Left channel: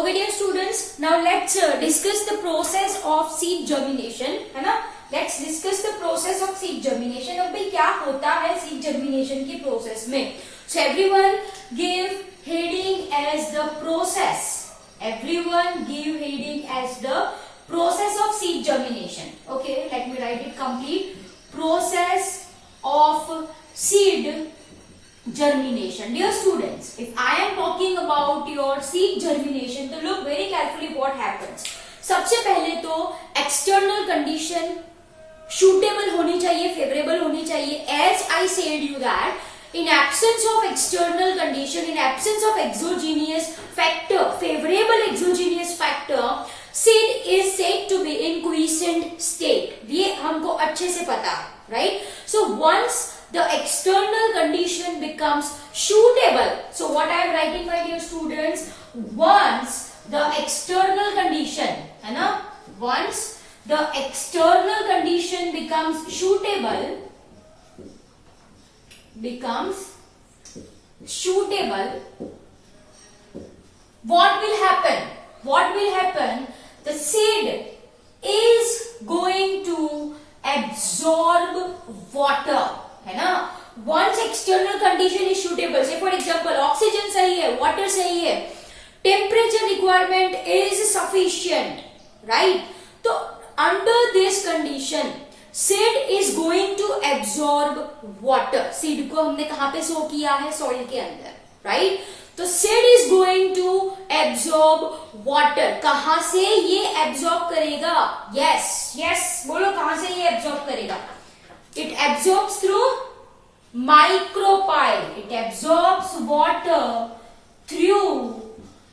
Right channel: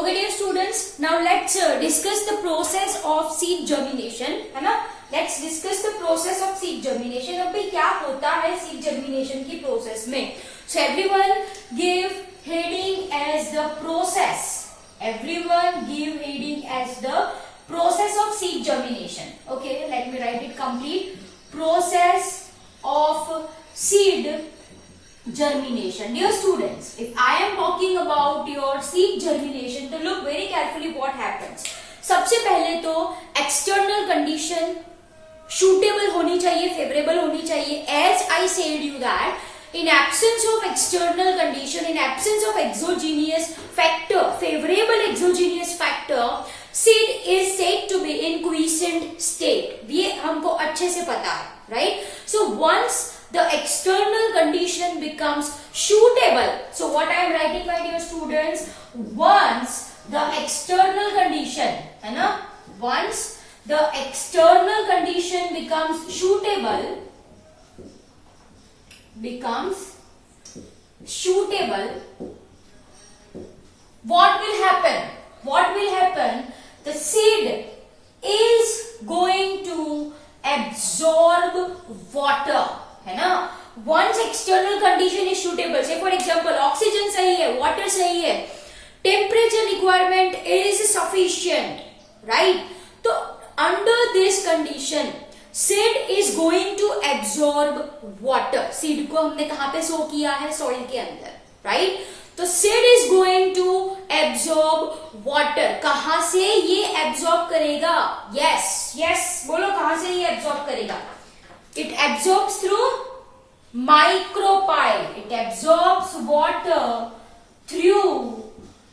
Okay dear students, now let's discuss the process of seed germination, है ना. Let's discuss the process of seed germination. अब भाई क्या होता है seed germination की process में. So everyone give heading as the process. Everyone give heading as the process of seed germination. Okay, let me write it complete. Process of seed germination. Dear students, if I am talking about your seed germination, तो look very carefully what happens. सबसे पहले तो external condition suitable होनी चाहिए, favorable होनी चाहिए. As I said you that in absence of external condition, in absence of exogenous factor, favorable exogenous factor, seed is said to be in quiescent state. ये हमको अच्छे से पता है, right? So once the external condition becomes suitable, so what I am writing my dear students, once the external condition, है ना, once the external condition becomes suitable, what will happen? What will happen? The seed is going to absorb water, है ना. Once external condition is suitable, say for example oxygen सही है, water सही है, temperature requirement is sufficient, right? तो under this condition seed is going to absorb water. seed को हमने कहाँ पे sow किया है? soil के अंदर, right? तो seed is going to absorb water. कहाँ से ये absorb करेगा? yes बोलो, कहाँ से ये absorb करेगा? It absorbs through micropyle. It absorbs water through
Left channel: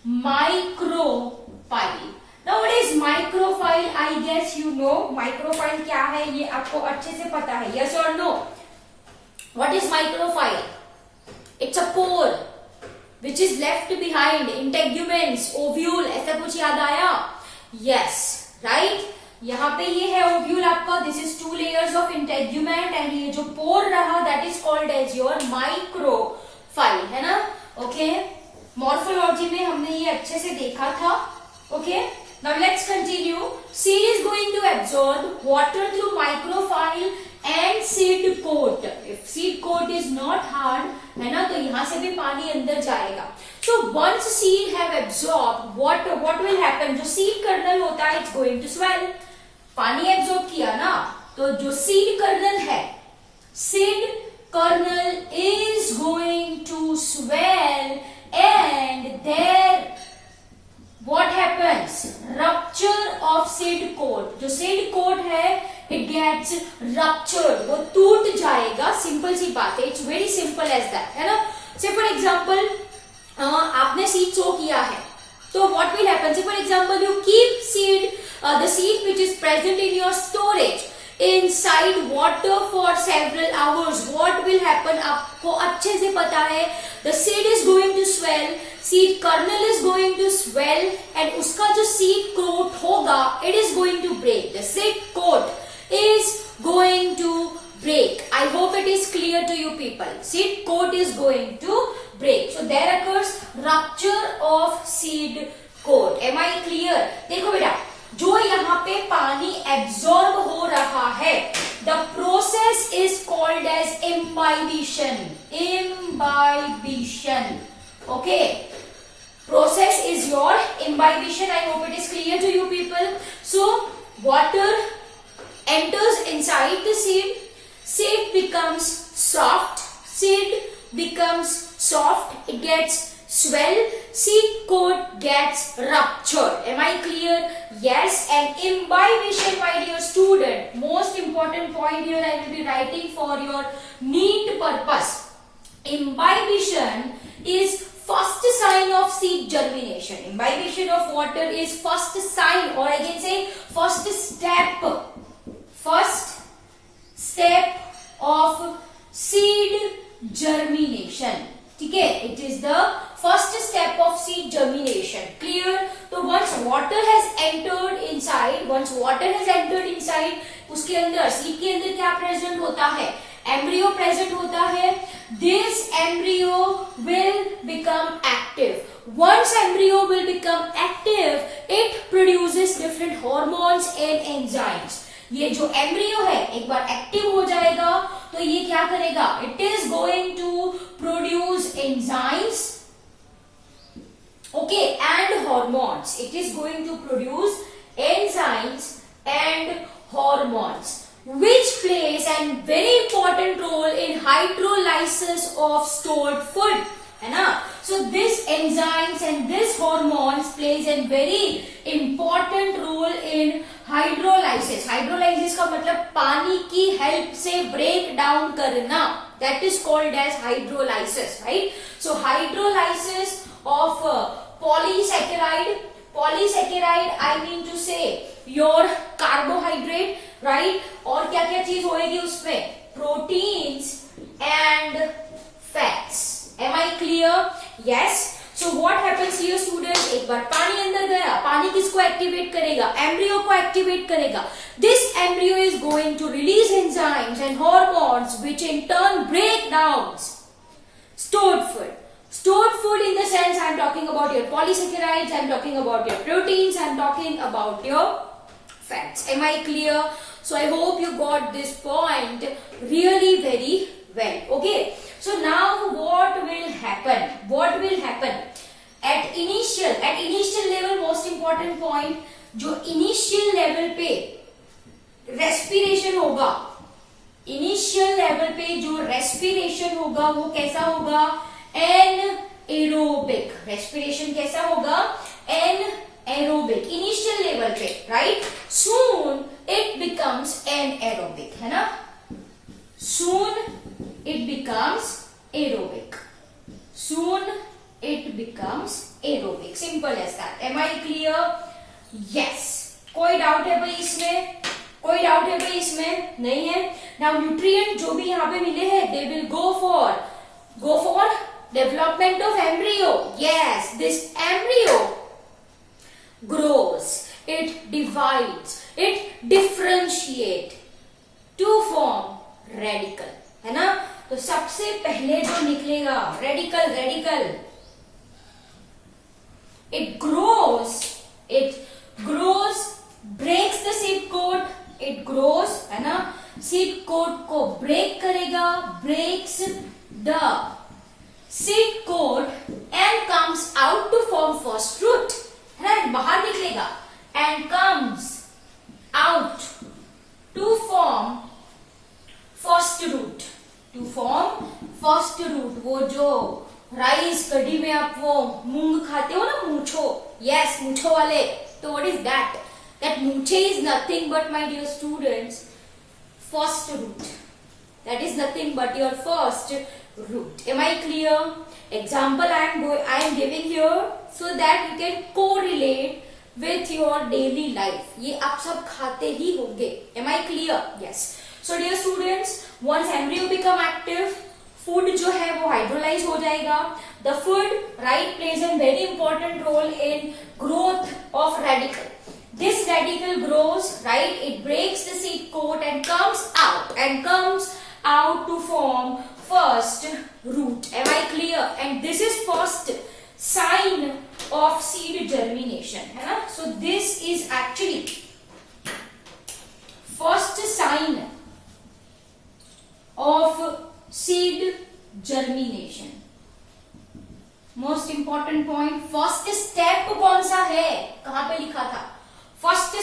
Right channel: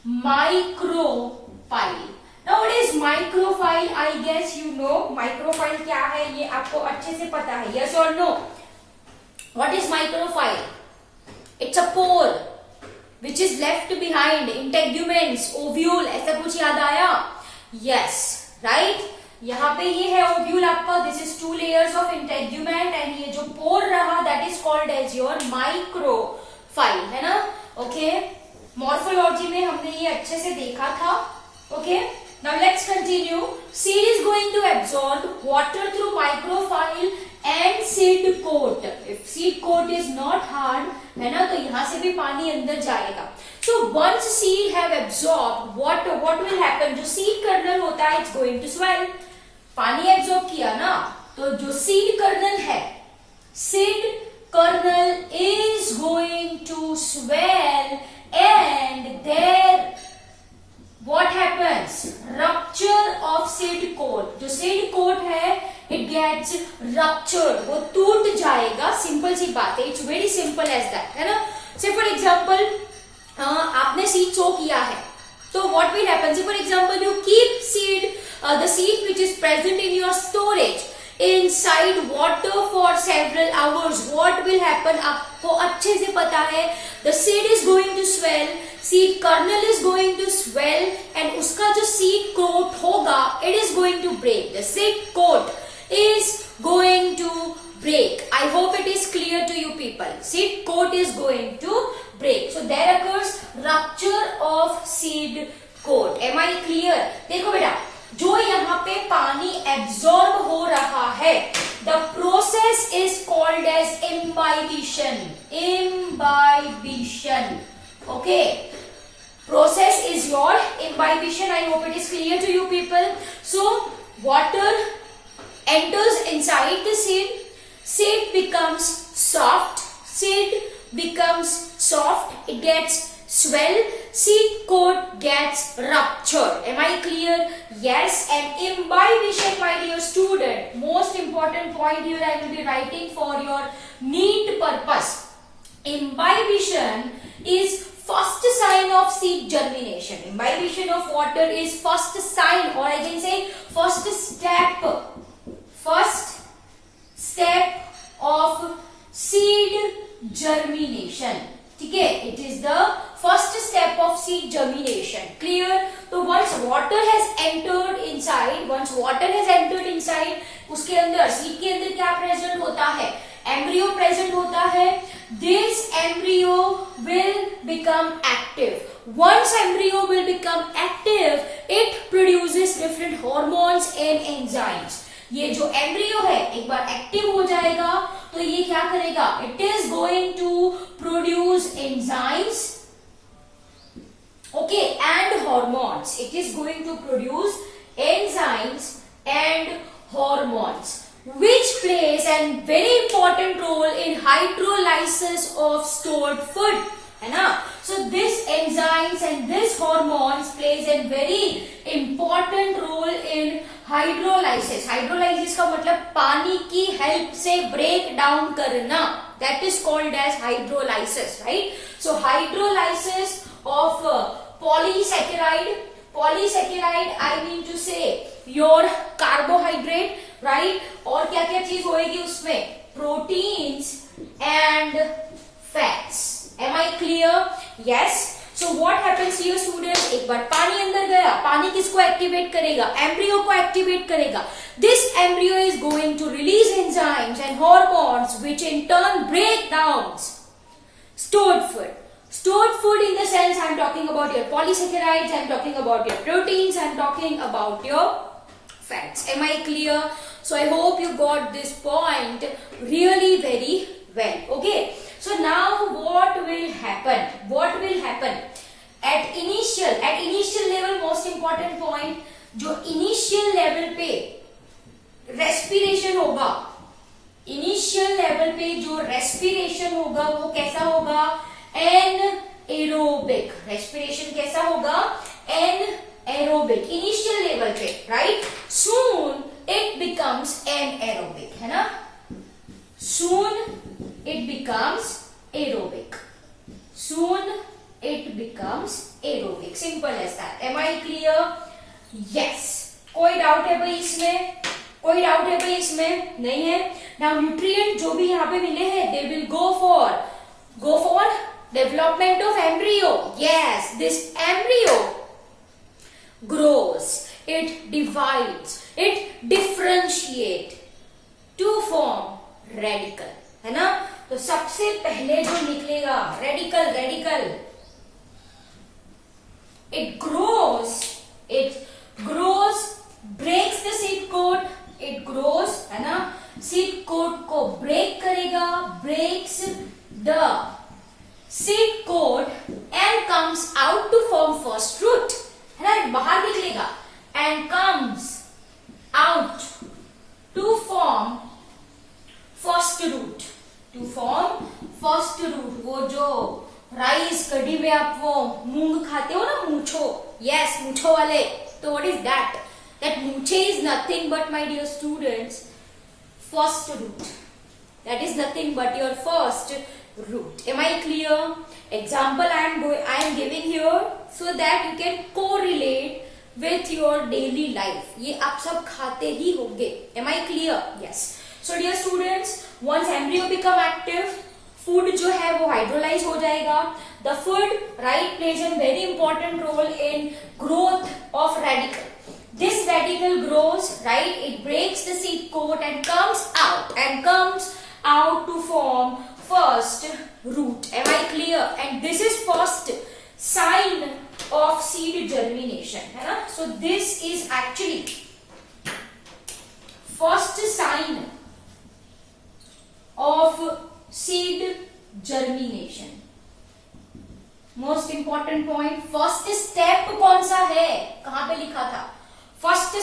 micropyle. Now what is micropyle? I guess you know. Micropyle क्या है ये आपको अच्छे से पता है. Yes or no? What is micropyle? It's a pore which is left behind. Integuments, ovule, ऐसा कुछ याद आया? Yes, right? यहाँ पे ये है ओव्यूल आपका. This is 2 layers of integument and ये जो पोर रहा that is called as your micropyle, है ना. ओके, मॉर्फोलॉजी में हमने ये अच्छे से देखा था. Okay, now let's continue. Seed is going to absorb water through micropyle and seed coat. If seed coat is not hard, है ना, तो यहां से भी पानी अंदर जाएगा. So once seed have absorbed water, what will happen? जो seed kernel होता है, it's going to swell. पानी एब्जॉर्ब किया ना, तो जो seed kernel है, seed kernel is going to swell and there what happens? Rupture of seed coat. जो seed coat है, it gets ruptured. वो टूट जाएगा. सिंपल सी बात है. It's very simple as that, है ना. So for example, आपने सीड सो किया है, तो what will happen? So for example, you keep seed, the seed which is present in your storage inside water for several hours. What will happen? आपको अच्छे से पता है. The seed is going to swell, seed kernel is going to swell, and उसका जो seed coat होगा, it is going to break. The seed coat is going to break. I hope it is clear to you people. Seed coat is going to break. So there occurs rupture of seed coat. Am I clear? देखो बेटा, जो यहाँ पे पानी absorb हो रहा है, the process is called as imbibition. Imbibition. Okay. Process is your imbibition. I hope it is clear to you people. So water enters inside the seed. Seed becomes soft. Seed becomes soft. It gets swell. Seed coat gets ruptured. Am I clear? Yes. And imbibition, my dear student, most important point here I will be writing for your neat purpose. Imbibition is first sign of seed germination. Imbibition of water is first sign, or I can say first step. First step of seed germination. ठीक है, it is the first step of seed germination. Clear? तो once water has entered inside, उसके अंदर seed के अंदर क्या present होता है? embryo present होता है. This embryo will become active. once embryo will become active, it produces different hormones and enzymes. ये जो एम्ब्रियो है एक बार एक्टिव हो जाएगा तो ये क्या करेगा? It is going to produce enzymes, okay, and hormones. It is going to produce enzymes and hormones which plays a very important role in hydrolysis of stored food, है ना? So this enzymes and this hormones plays a very important role in hydrolysis. Hydrolysis का मतलब पानी की help से break down करना. That is called as hydrolysis, right? So hydrolysis of polysaccharide. Polysaccharide, I mean to say your carbohydrate, right? और क्या क्या चीज होएगी उसमें? Proteins and fats. Am I clear? Yes. So what happens here, students? एक बार पानी अंदर गया, पानी किसको एक्टिवेट करेगा? एम्ब्रियो को एक्टिवेट करेगा. This embryo is going to release enzymes and hormones which in turn break down stored food. Stored food in the sense I am talking about your polysaccharides, I am talking about your proteins, I am talking about your fats. Am I clear? So I hope you got this point really very well. Okay. So now what will happen? What will happen? At initial level, most important point, जो initial level पे respiration होगा, initial level पे जो respiration होगा वो कैसा होगा? Anaerobic. Respiration कैसा होगा? Anaerobic. Initial level पे, right? Soon it becomes anaerobic, है ना? Soon it becomes aerobic. Soon it becomes aerobic. Simple as that. Am I clear? Yes. कोई डाउट है भाई इसमें? कोई डाउट है भाई इसमें? नहीं है. Now nutrient जो भी यहाँ पे मिले हैं, they will go for development of embryo. Yes, this embryo grows, it divides, it differentiate to form radical, है ना? तो सबसे पहले जो निकलेगा radical, it grows, breaks the seed coat, it grows, है ना? seed coat को break करेगा, breaks the seed coat and comes out to form first root, है ना? बाहर निकलेगा and comes out to form first root. वो जो राइस कढ़ी में आप वो मूंग खाते हो ना, मूछो, यस, मूछो वाले. तो what is that? That मूछे is nothing but, my dear students, first root. That is nothing but your first root. Am I clear? Example I am giving here so that you can correlate with your daily life. ये आप सब खाते ही होंगे. Am I clear? Yes. So dear students, once embryo become active, food जो है वो hydrolyze हो जाएगा. The food, right, plays a very important role in growth of radical. This radical grows, right, it breaks the seed coat and comes out to form first root. Am I clear? And this is first sign of seed germination, है ना? So this is actually first sign of seed germination. Most important point, first step कौन सा है? कहां पे लिखा था? First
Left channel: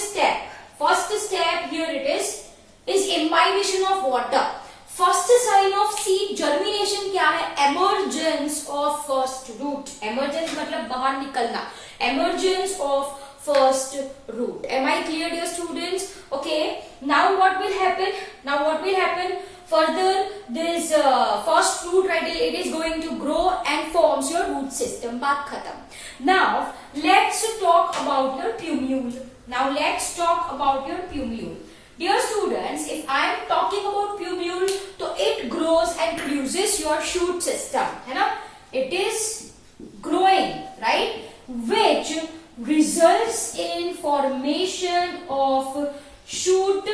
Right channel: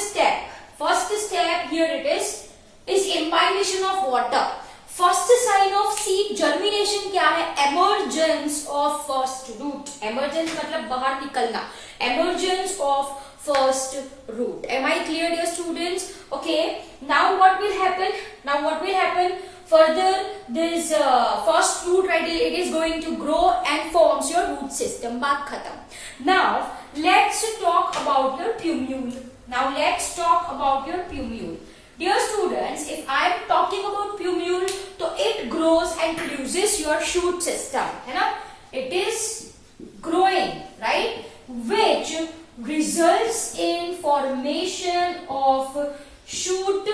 step here it is imbibition of water. First sign of seed germination क्या है? Emergence of first root. Emergence मतलब बाहर निकलना. Emergence of first root. Am I clear, dear students? Okay. Now what will happen? Further, this first root, right, it is going to grow and forms your root system. बात खत्म. Now let's talk about your plumule. Dear students, if I am talking about plumule, तो it grows and produces your shoot system, है ना? It is growing, right? Which results in formation of shoot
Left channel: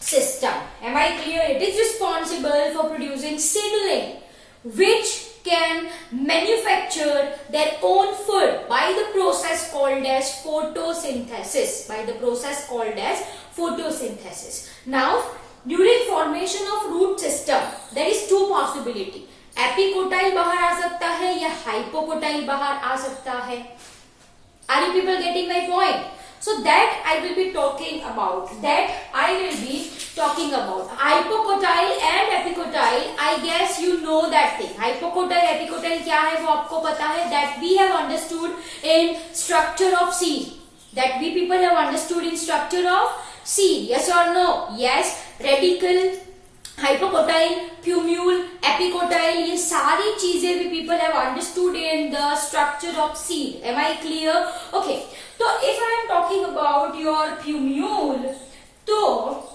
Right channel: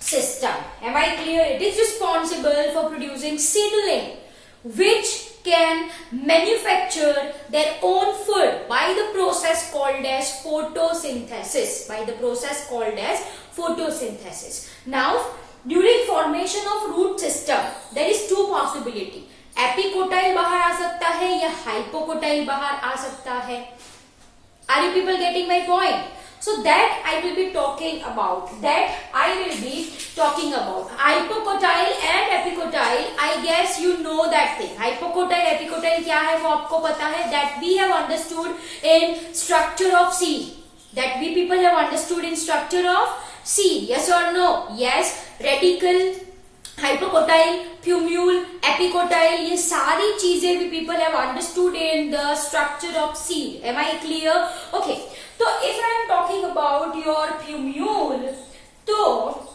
system. Am I clear? It is responsible for producing seedling, which can manufacture their own food by the process called as photosynthesis. By the process called as photosynthesis. Now, during formation of root system, there is two possibility. Epicotyl बाहर आ सकता है या hypocotyl बाहर आ सकता है. Are you people getting my point? So that I will be talking about. Hypocotyle and epicotyle. I guess you know that thing. Hypocotyle, epicotyle क्या है वो आपको पता है. That we have understood in structure of seed. That we people have understood in structure of seed. Yes or no? Yes. Radicle, hypocotyle, plumule, epicotyle, ये सारी चीजें भी people have understood in the structure of seed. Am I clear? Okay. So if I am talking about your plumule, so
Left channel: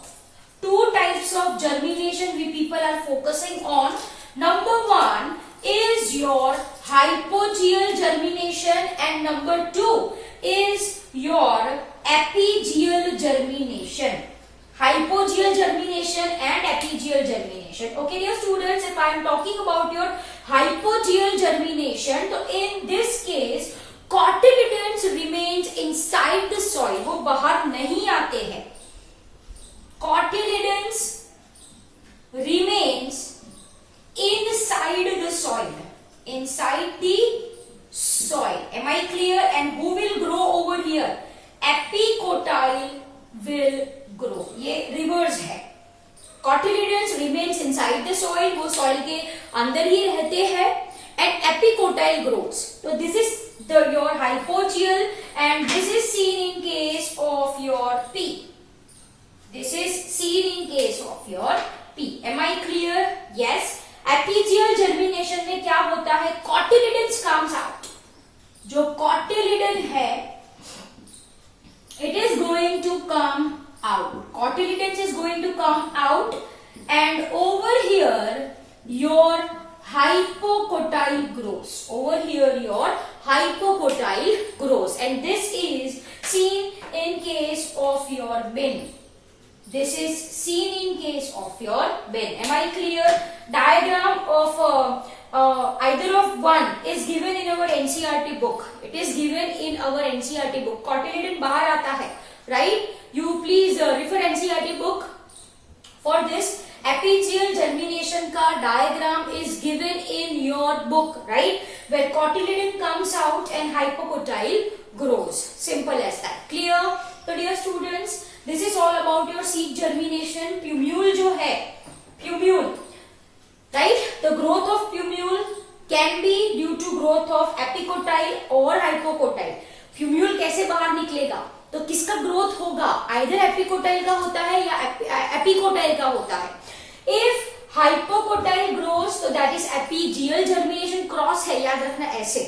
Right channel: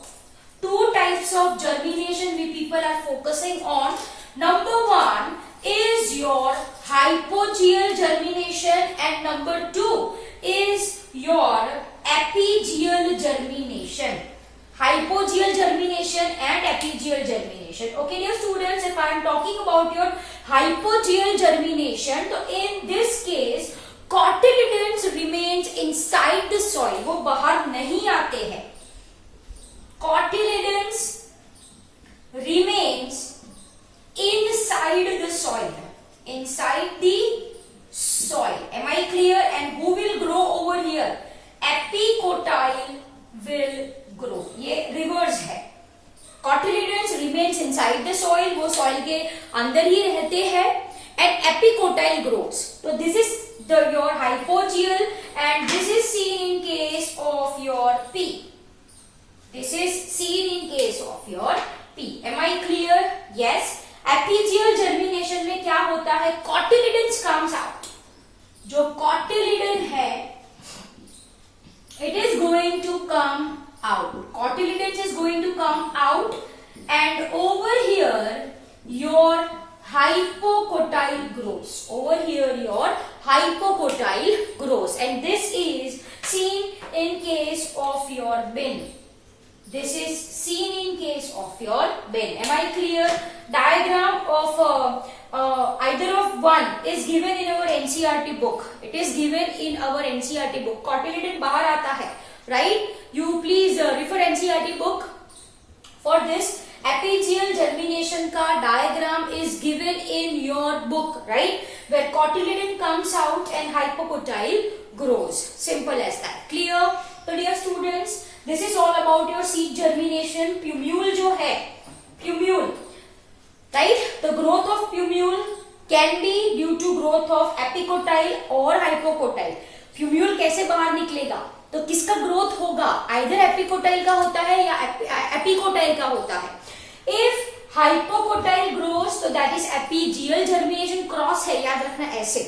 two types of germination we people are focusing on. Number one is your hypogeal germination and number two is your epigeal germination. Hypogeal germination and epigeal germination. Okay, dear students, if I am talking about your hypogeal germination, so in this case, cotyledons remains inside the soil. वो बाहर नहीं आते हैं. Cotyledons remains inside the soil. Inside the soil. Am I clear? And who will grow over here? Epicotyle will grow. ये reverse है. Cotyledons remains inside the soil. वो soil के अंदर ही रहते हैं. And epicotyle grows. So this is your hypogeal and this is seen in case of your P. This is seen in case of your P. Am I clear? Yes. Epigeal germination में क्या होता है? Cotyledons comes out. जो cotyledon है, it is going to come out. Cotyledons is going to come out and over here your hypocotyle grows. Over here your hypocotyle grows and this is seen in case of your bin. This is seen in case of your bin. Am I clear? Diagram of either of one is given in our NCERT book. It is given in our NCERT book. Cotyledon बाहर आता है, right? You please refer NCERT book for this. Epigeal germination का diagram is given in your book, right? Where cotyledon comes out and hypocotyle grows. Simple as that. Clear? So dear students, this is all about your seed germination. Plumule जो है, plumule, right? The growth of plumule can be due to growth of epicotyle or hypocotyle. Plumule कैसे बाहर निकलेगा? तो किसका growth होगा? Either epicotyl का होता है या एपिकोटाइल का होता है. इफ हाइपोकोटाइल ग्रोस तो that is epigeal germination. Cross है, याद रखना ऐसे.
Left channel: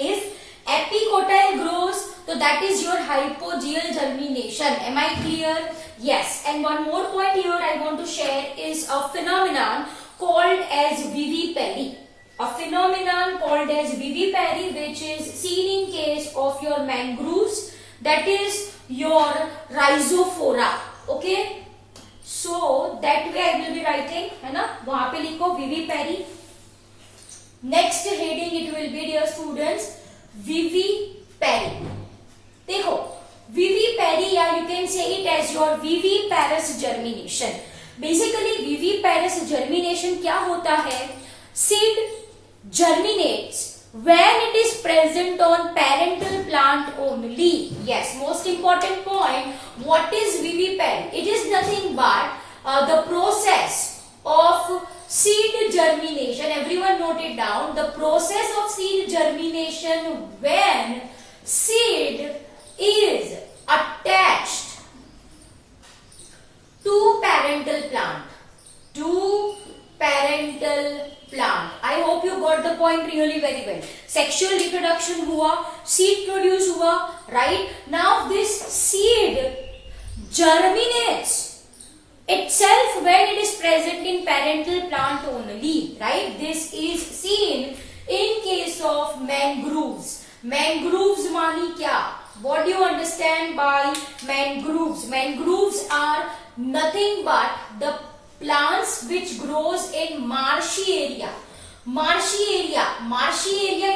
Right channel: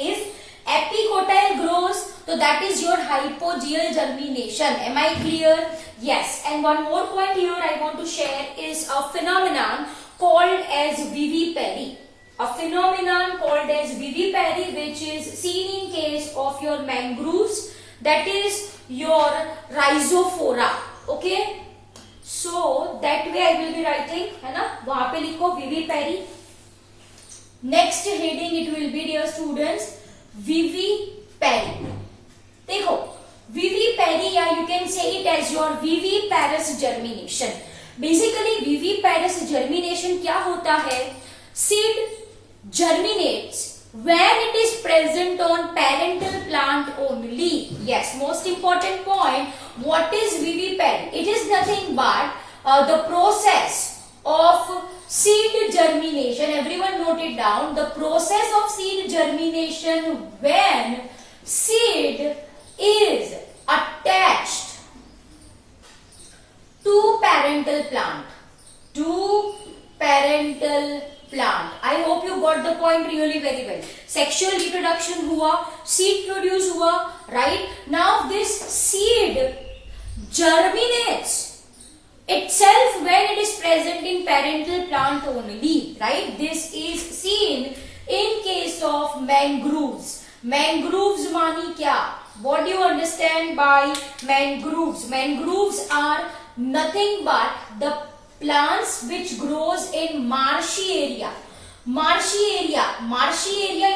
इफ एपिकोटाइल ग्रोस तो that is your hypogeal germination. Am I clear? Yes. And one more point here I want to share is a phenomenon called as vivipary. A phenomenon called as vivipary which is seen in case of your mangroves. That is your rhizophora. Okay, so that way I will be writing, है ना, वहां पे लिखो vivipary. Next heading it will be, dear students, vivipary. देखो vivipary या you can say it as your viviparous germination. Basically viviparous germination क्या होता है? Seed germinates when it is present on parental plant only. Yes, most important point. What is vivipary? It is nothing but the process of seed germination. Everyone note it down. The process of seed germination when seed is attached to parental plant. To parental plant. I hope you got the point really very well. Sexual reproduction हुआ, seed produce हुआ, right? Now this seed germinates itself when it is present in parental plant only, right? This is seen in case of mangroves. Mangroves मानी क्या? What do you understand by mangroves? Mangroves are nothing but the plants which grows in marshy area. marshy area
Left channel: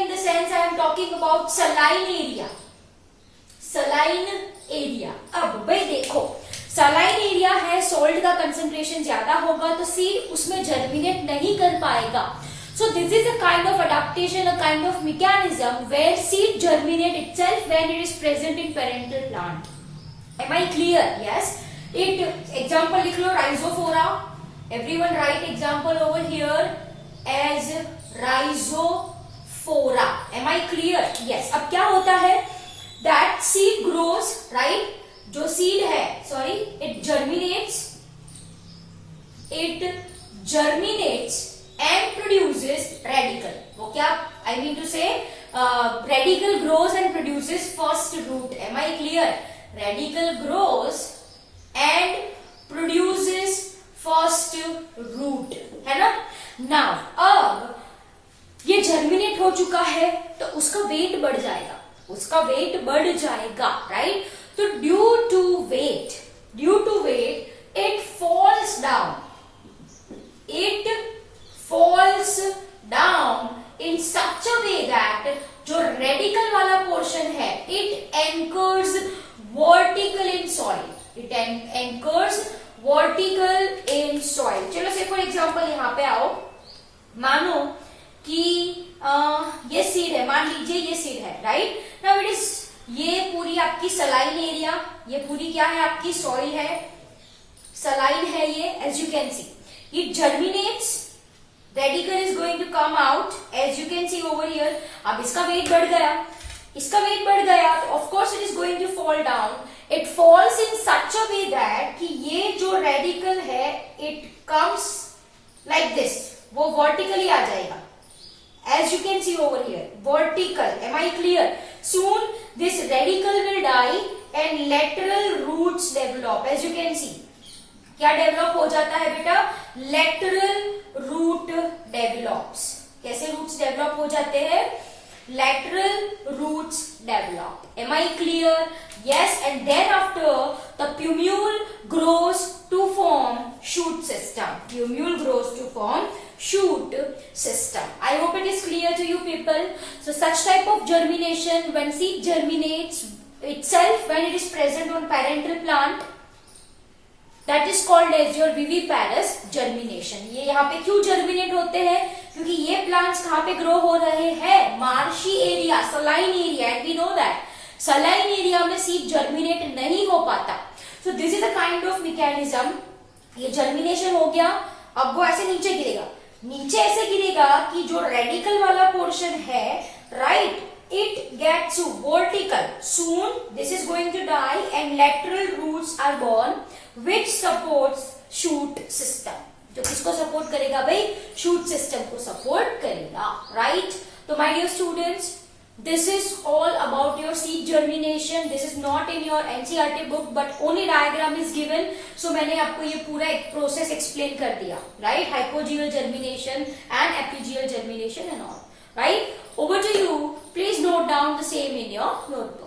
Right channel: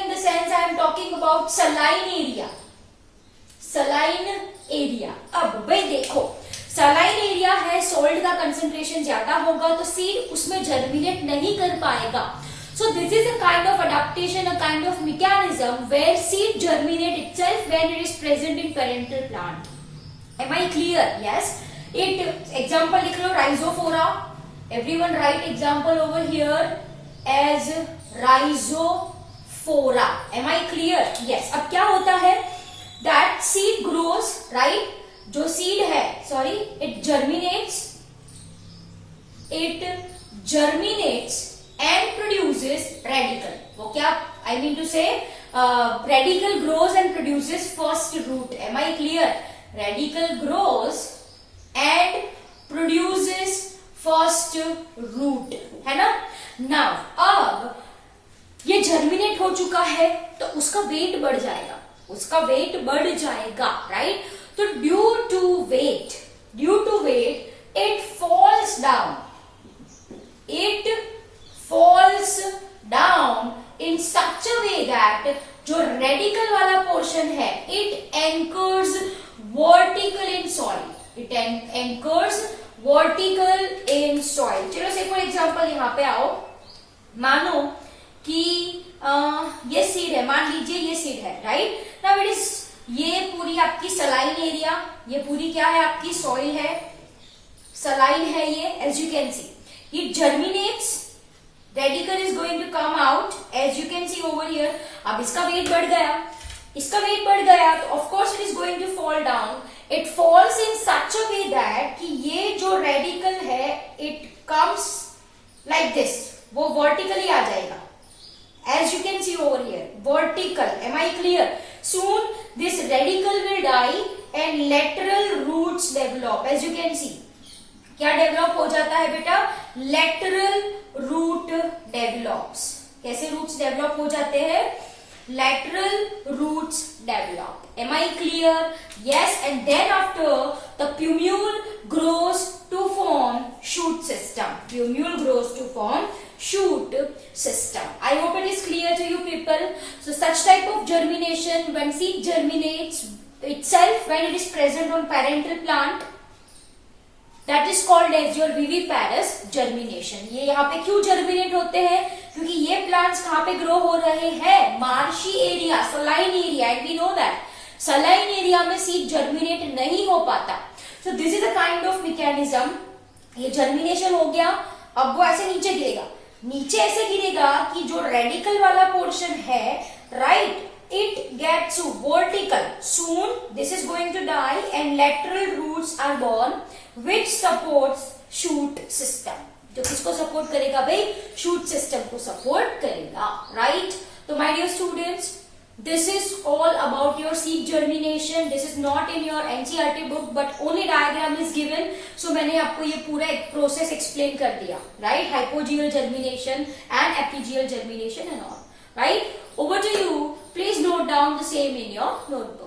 in the sense I am talking about saline area. अब भाई देखो, saline area है, salt का concentration ज्यादा होगा तो seed उसमें germinate नहीं कर पाएगा. So this is a kind of adaptation, a kind of mechanism where seed germinate itself when it is present in parental plant. Am I clear? Yes. Example लिख लो, rhizophora. Everyone write example over here as rhizophora. Am I clear? Yes. अब क्या होता है? That seed grows, right? जो seed है, sorry, it germinates and produces radicle. वो क्या? I mean to say, radicle grows and produces first root. Am I clear? Radicle grows and produces first root, है ना? Now, अब ये germinate हो चुका है तो उसका वेट बढ़ जाएगा, राइट? तो due to weight it falls down in such a way that जो रेडिकल वाला पोर्शन है it anchors vertical in soil. चलो से फॉर एग्जांपल यहाँ पे आओ, मानो कि ये सीड है, मान लीजिए ये सीड है, राइट? नाउ इट इज, ये पूरी आपकी सलाइन एरिया, ये पूरी क्या है आपकी सॉइल है, सलाइन है ये, as you can see it germinates, radicle is going to come out as you can see over here. अब इसका वेट बढ़ गया तो of course it is going to fall down. It falls in such a way that कि ये जो radicle है it comes like this, वो वर्टिकली आ जाएगा. As you can see over here, vertical. Am I clear? Soon this radical will die and lateral roots develop. As you can see, क्या develop हो जाता है बेटा? Lateral root develops. कैसे roots develop हो जाते हैं? Lateral roots develop. Am I clear? Yes. And then after the plumule grows to form shoot system. Shoot system. I hope it is clear to you people. So such type of germination, when seed germinates itself when it is present on parental plant, that is called as your viviparous germination. ये यहाँ पे क्यों germinate होते हैं? क्योंकि ये plants कहाँ पे grow हो रहे हैं? Marshy area, saline area, and we know that saline area में seed germinate नहीं हो पाता. So this is a kind of mechanism. ये germination हो गया, अब वो ऐसे नीचे ऐसे गिरेगा कि जो रेडिकल वाला पोर्शन है, right, it gets vertical. Soon this is going to die and lateral roots are born which supports shoot system. जो किसको सपोर्ट करेगा भाई? शूट सिस्टम को सपोर्ट करेगा, राइट? तो my dear students, this is all about your seed germination. This is not in your NCERT book but only diagram is given. So मैंने आपको ये पूरा एक प्रोसेस एक्सप्लेन कर दिया, right? Hypogeal germination and epigeal germination and all, right? Over to you. Please note down the same in your notebook.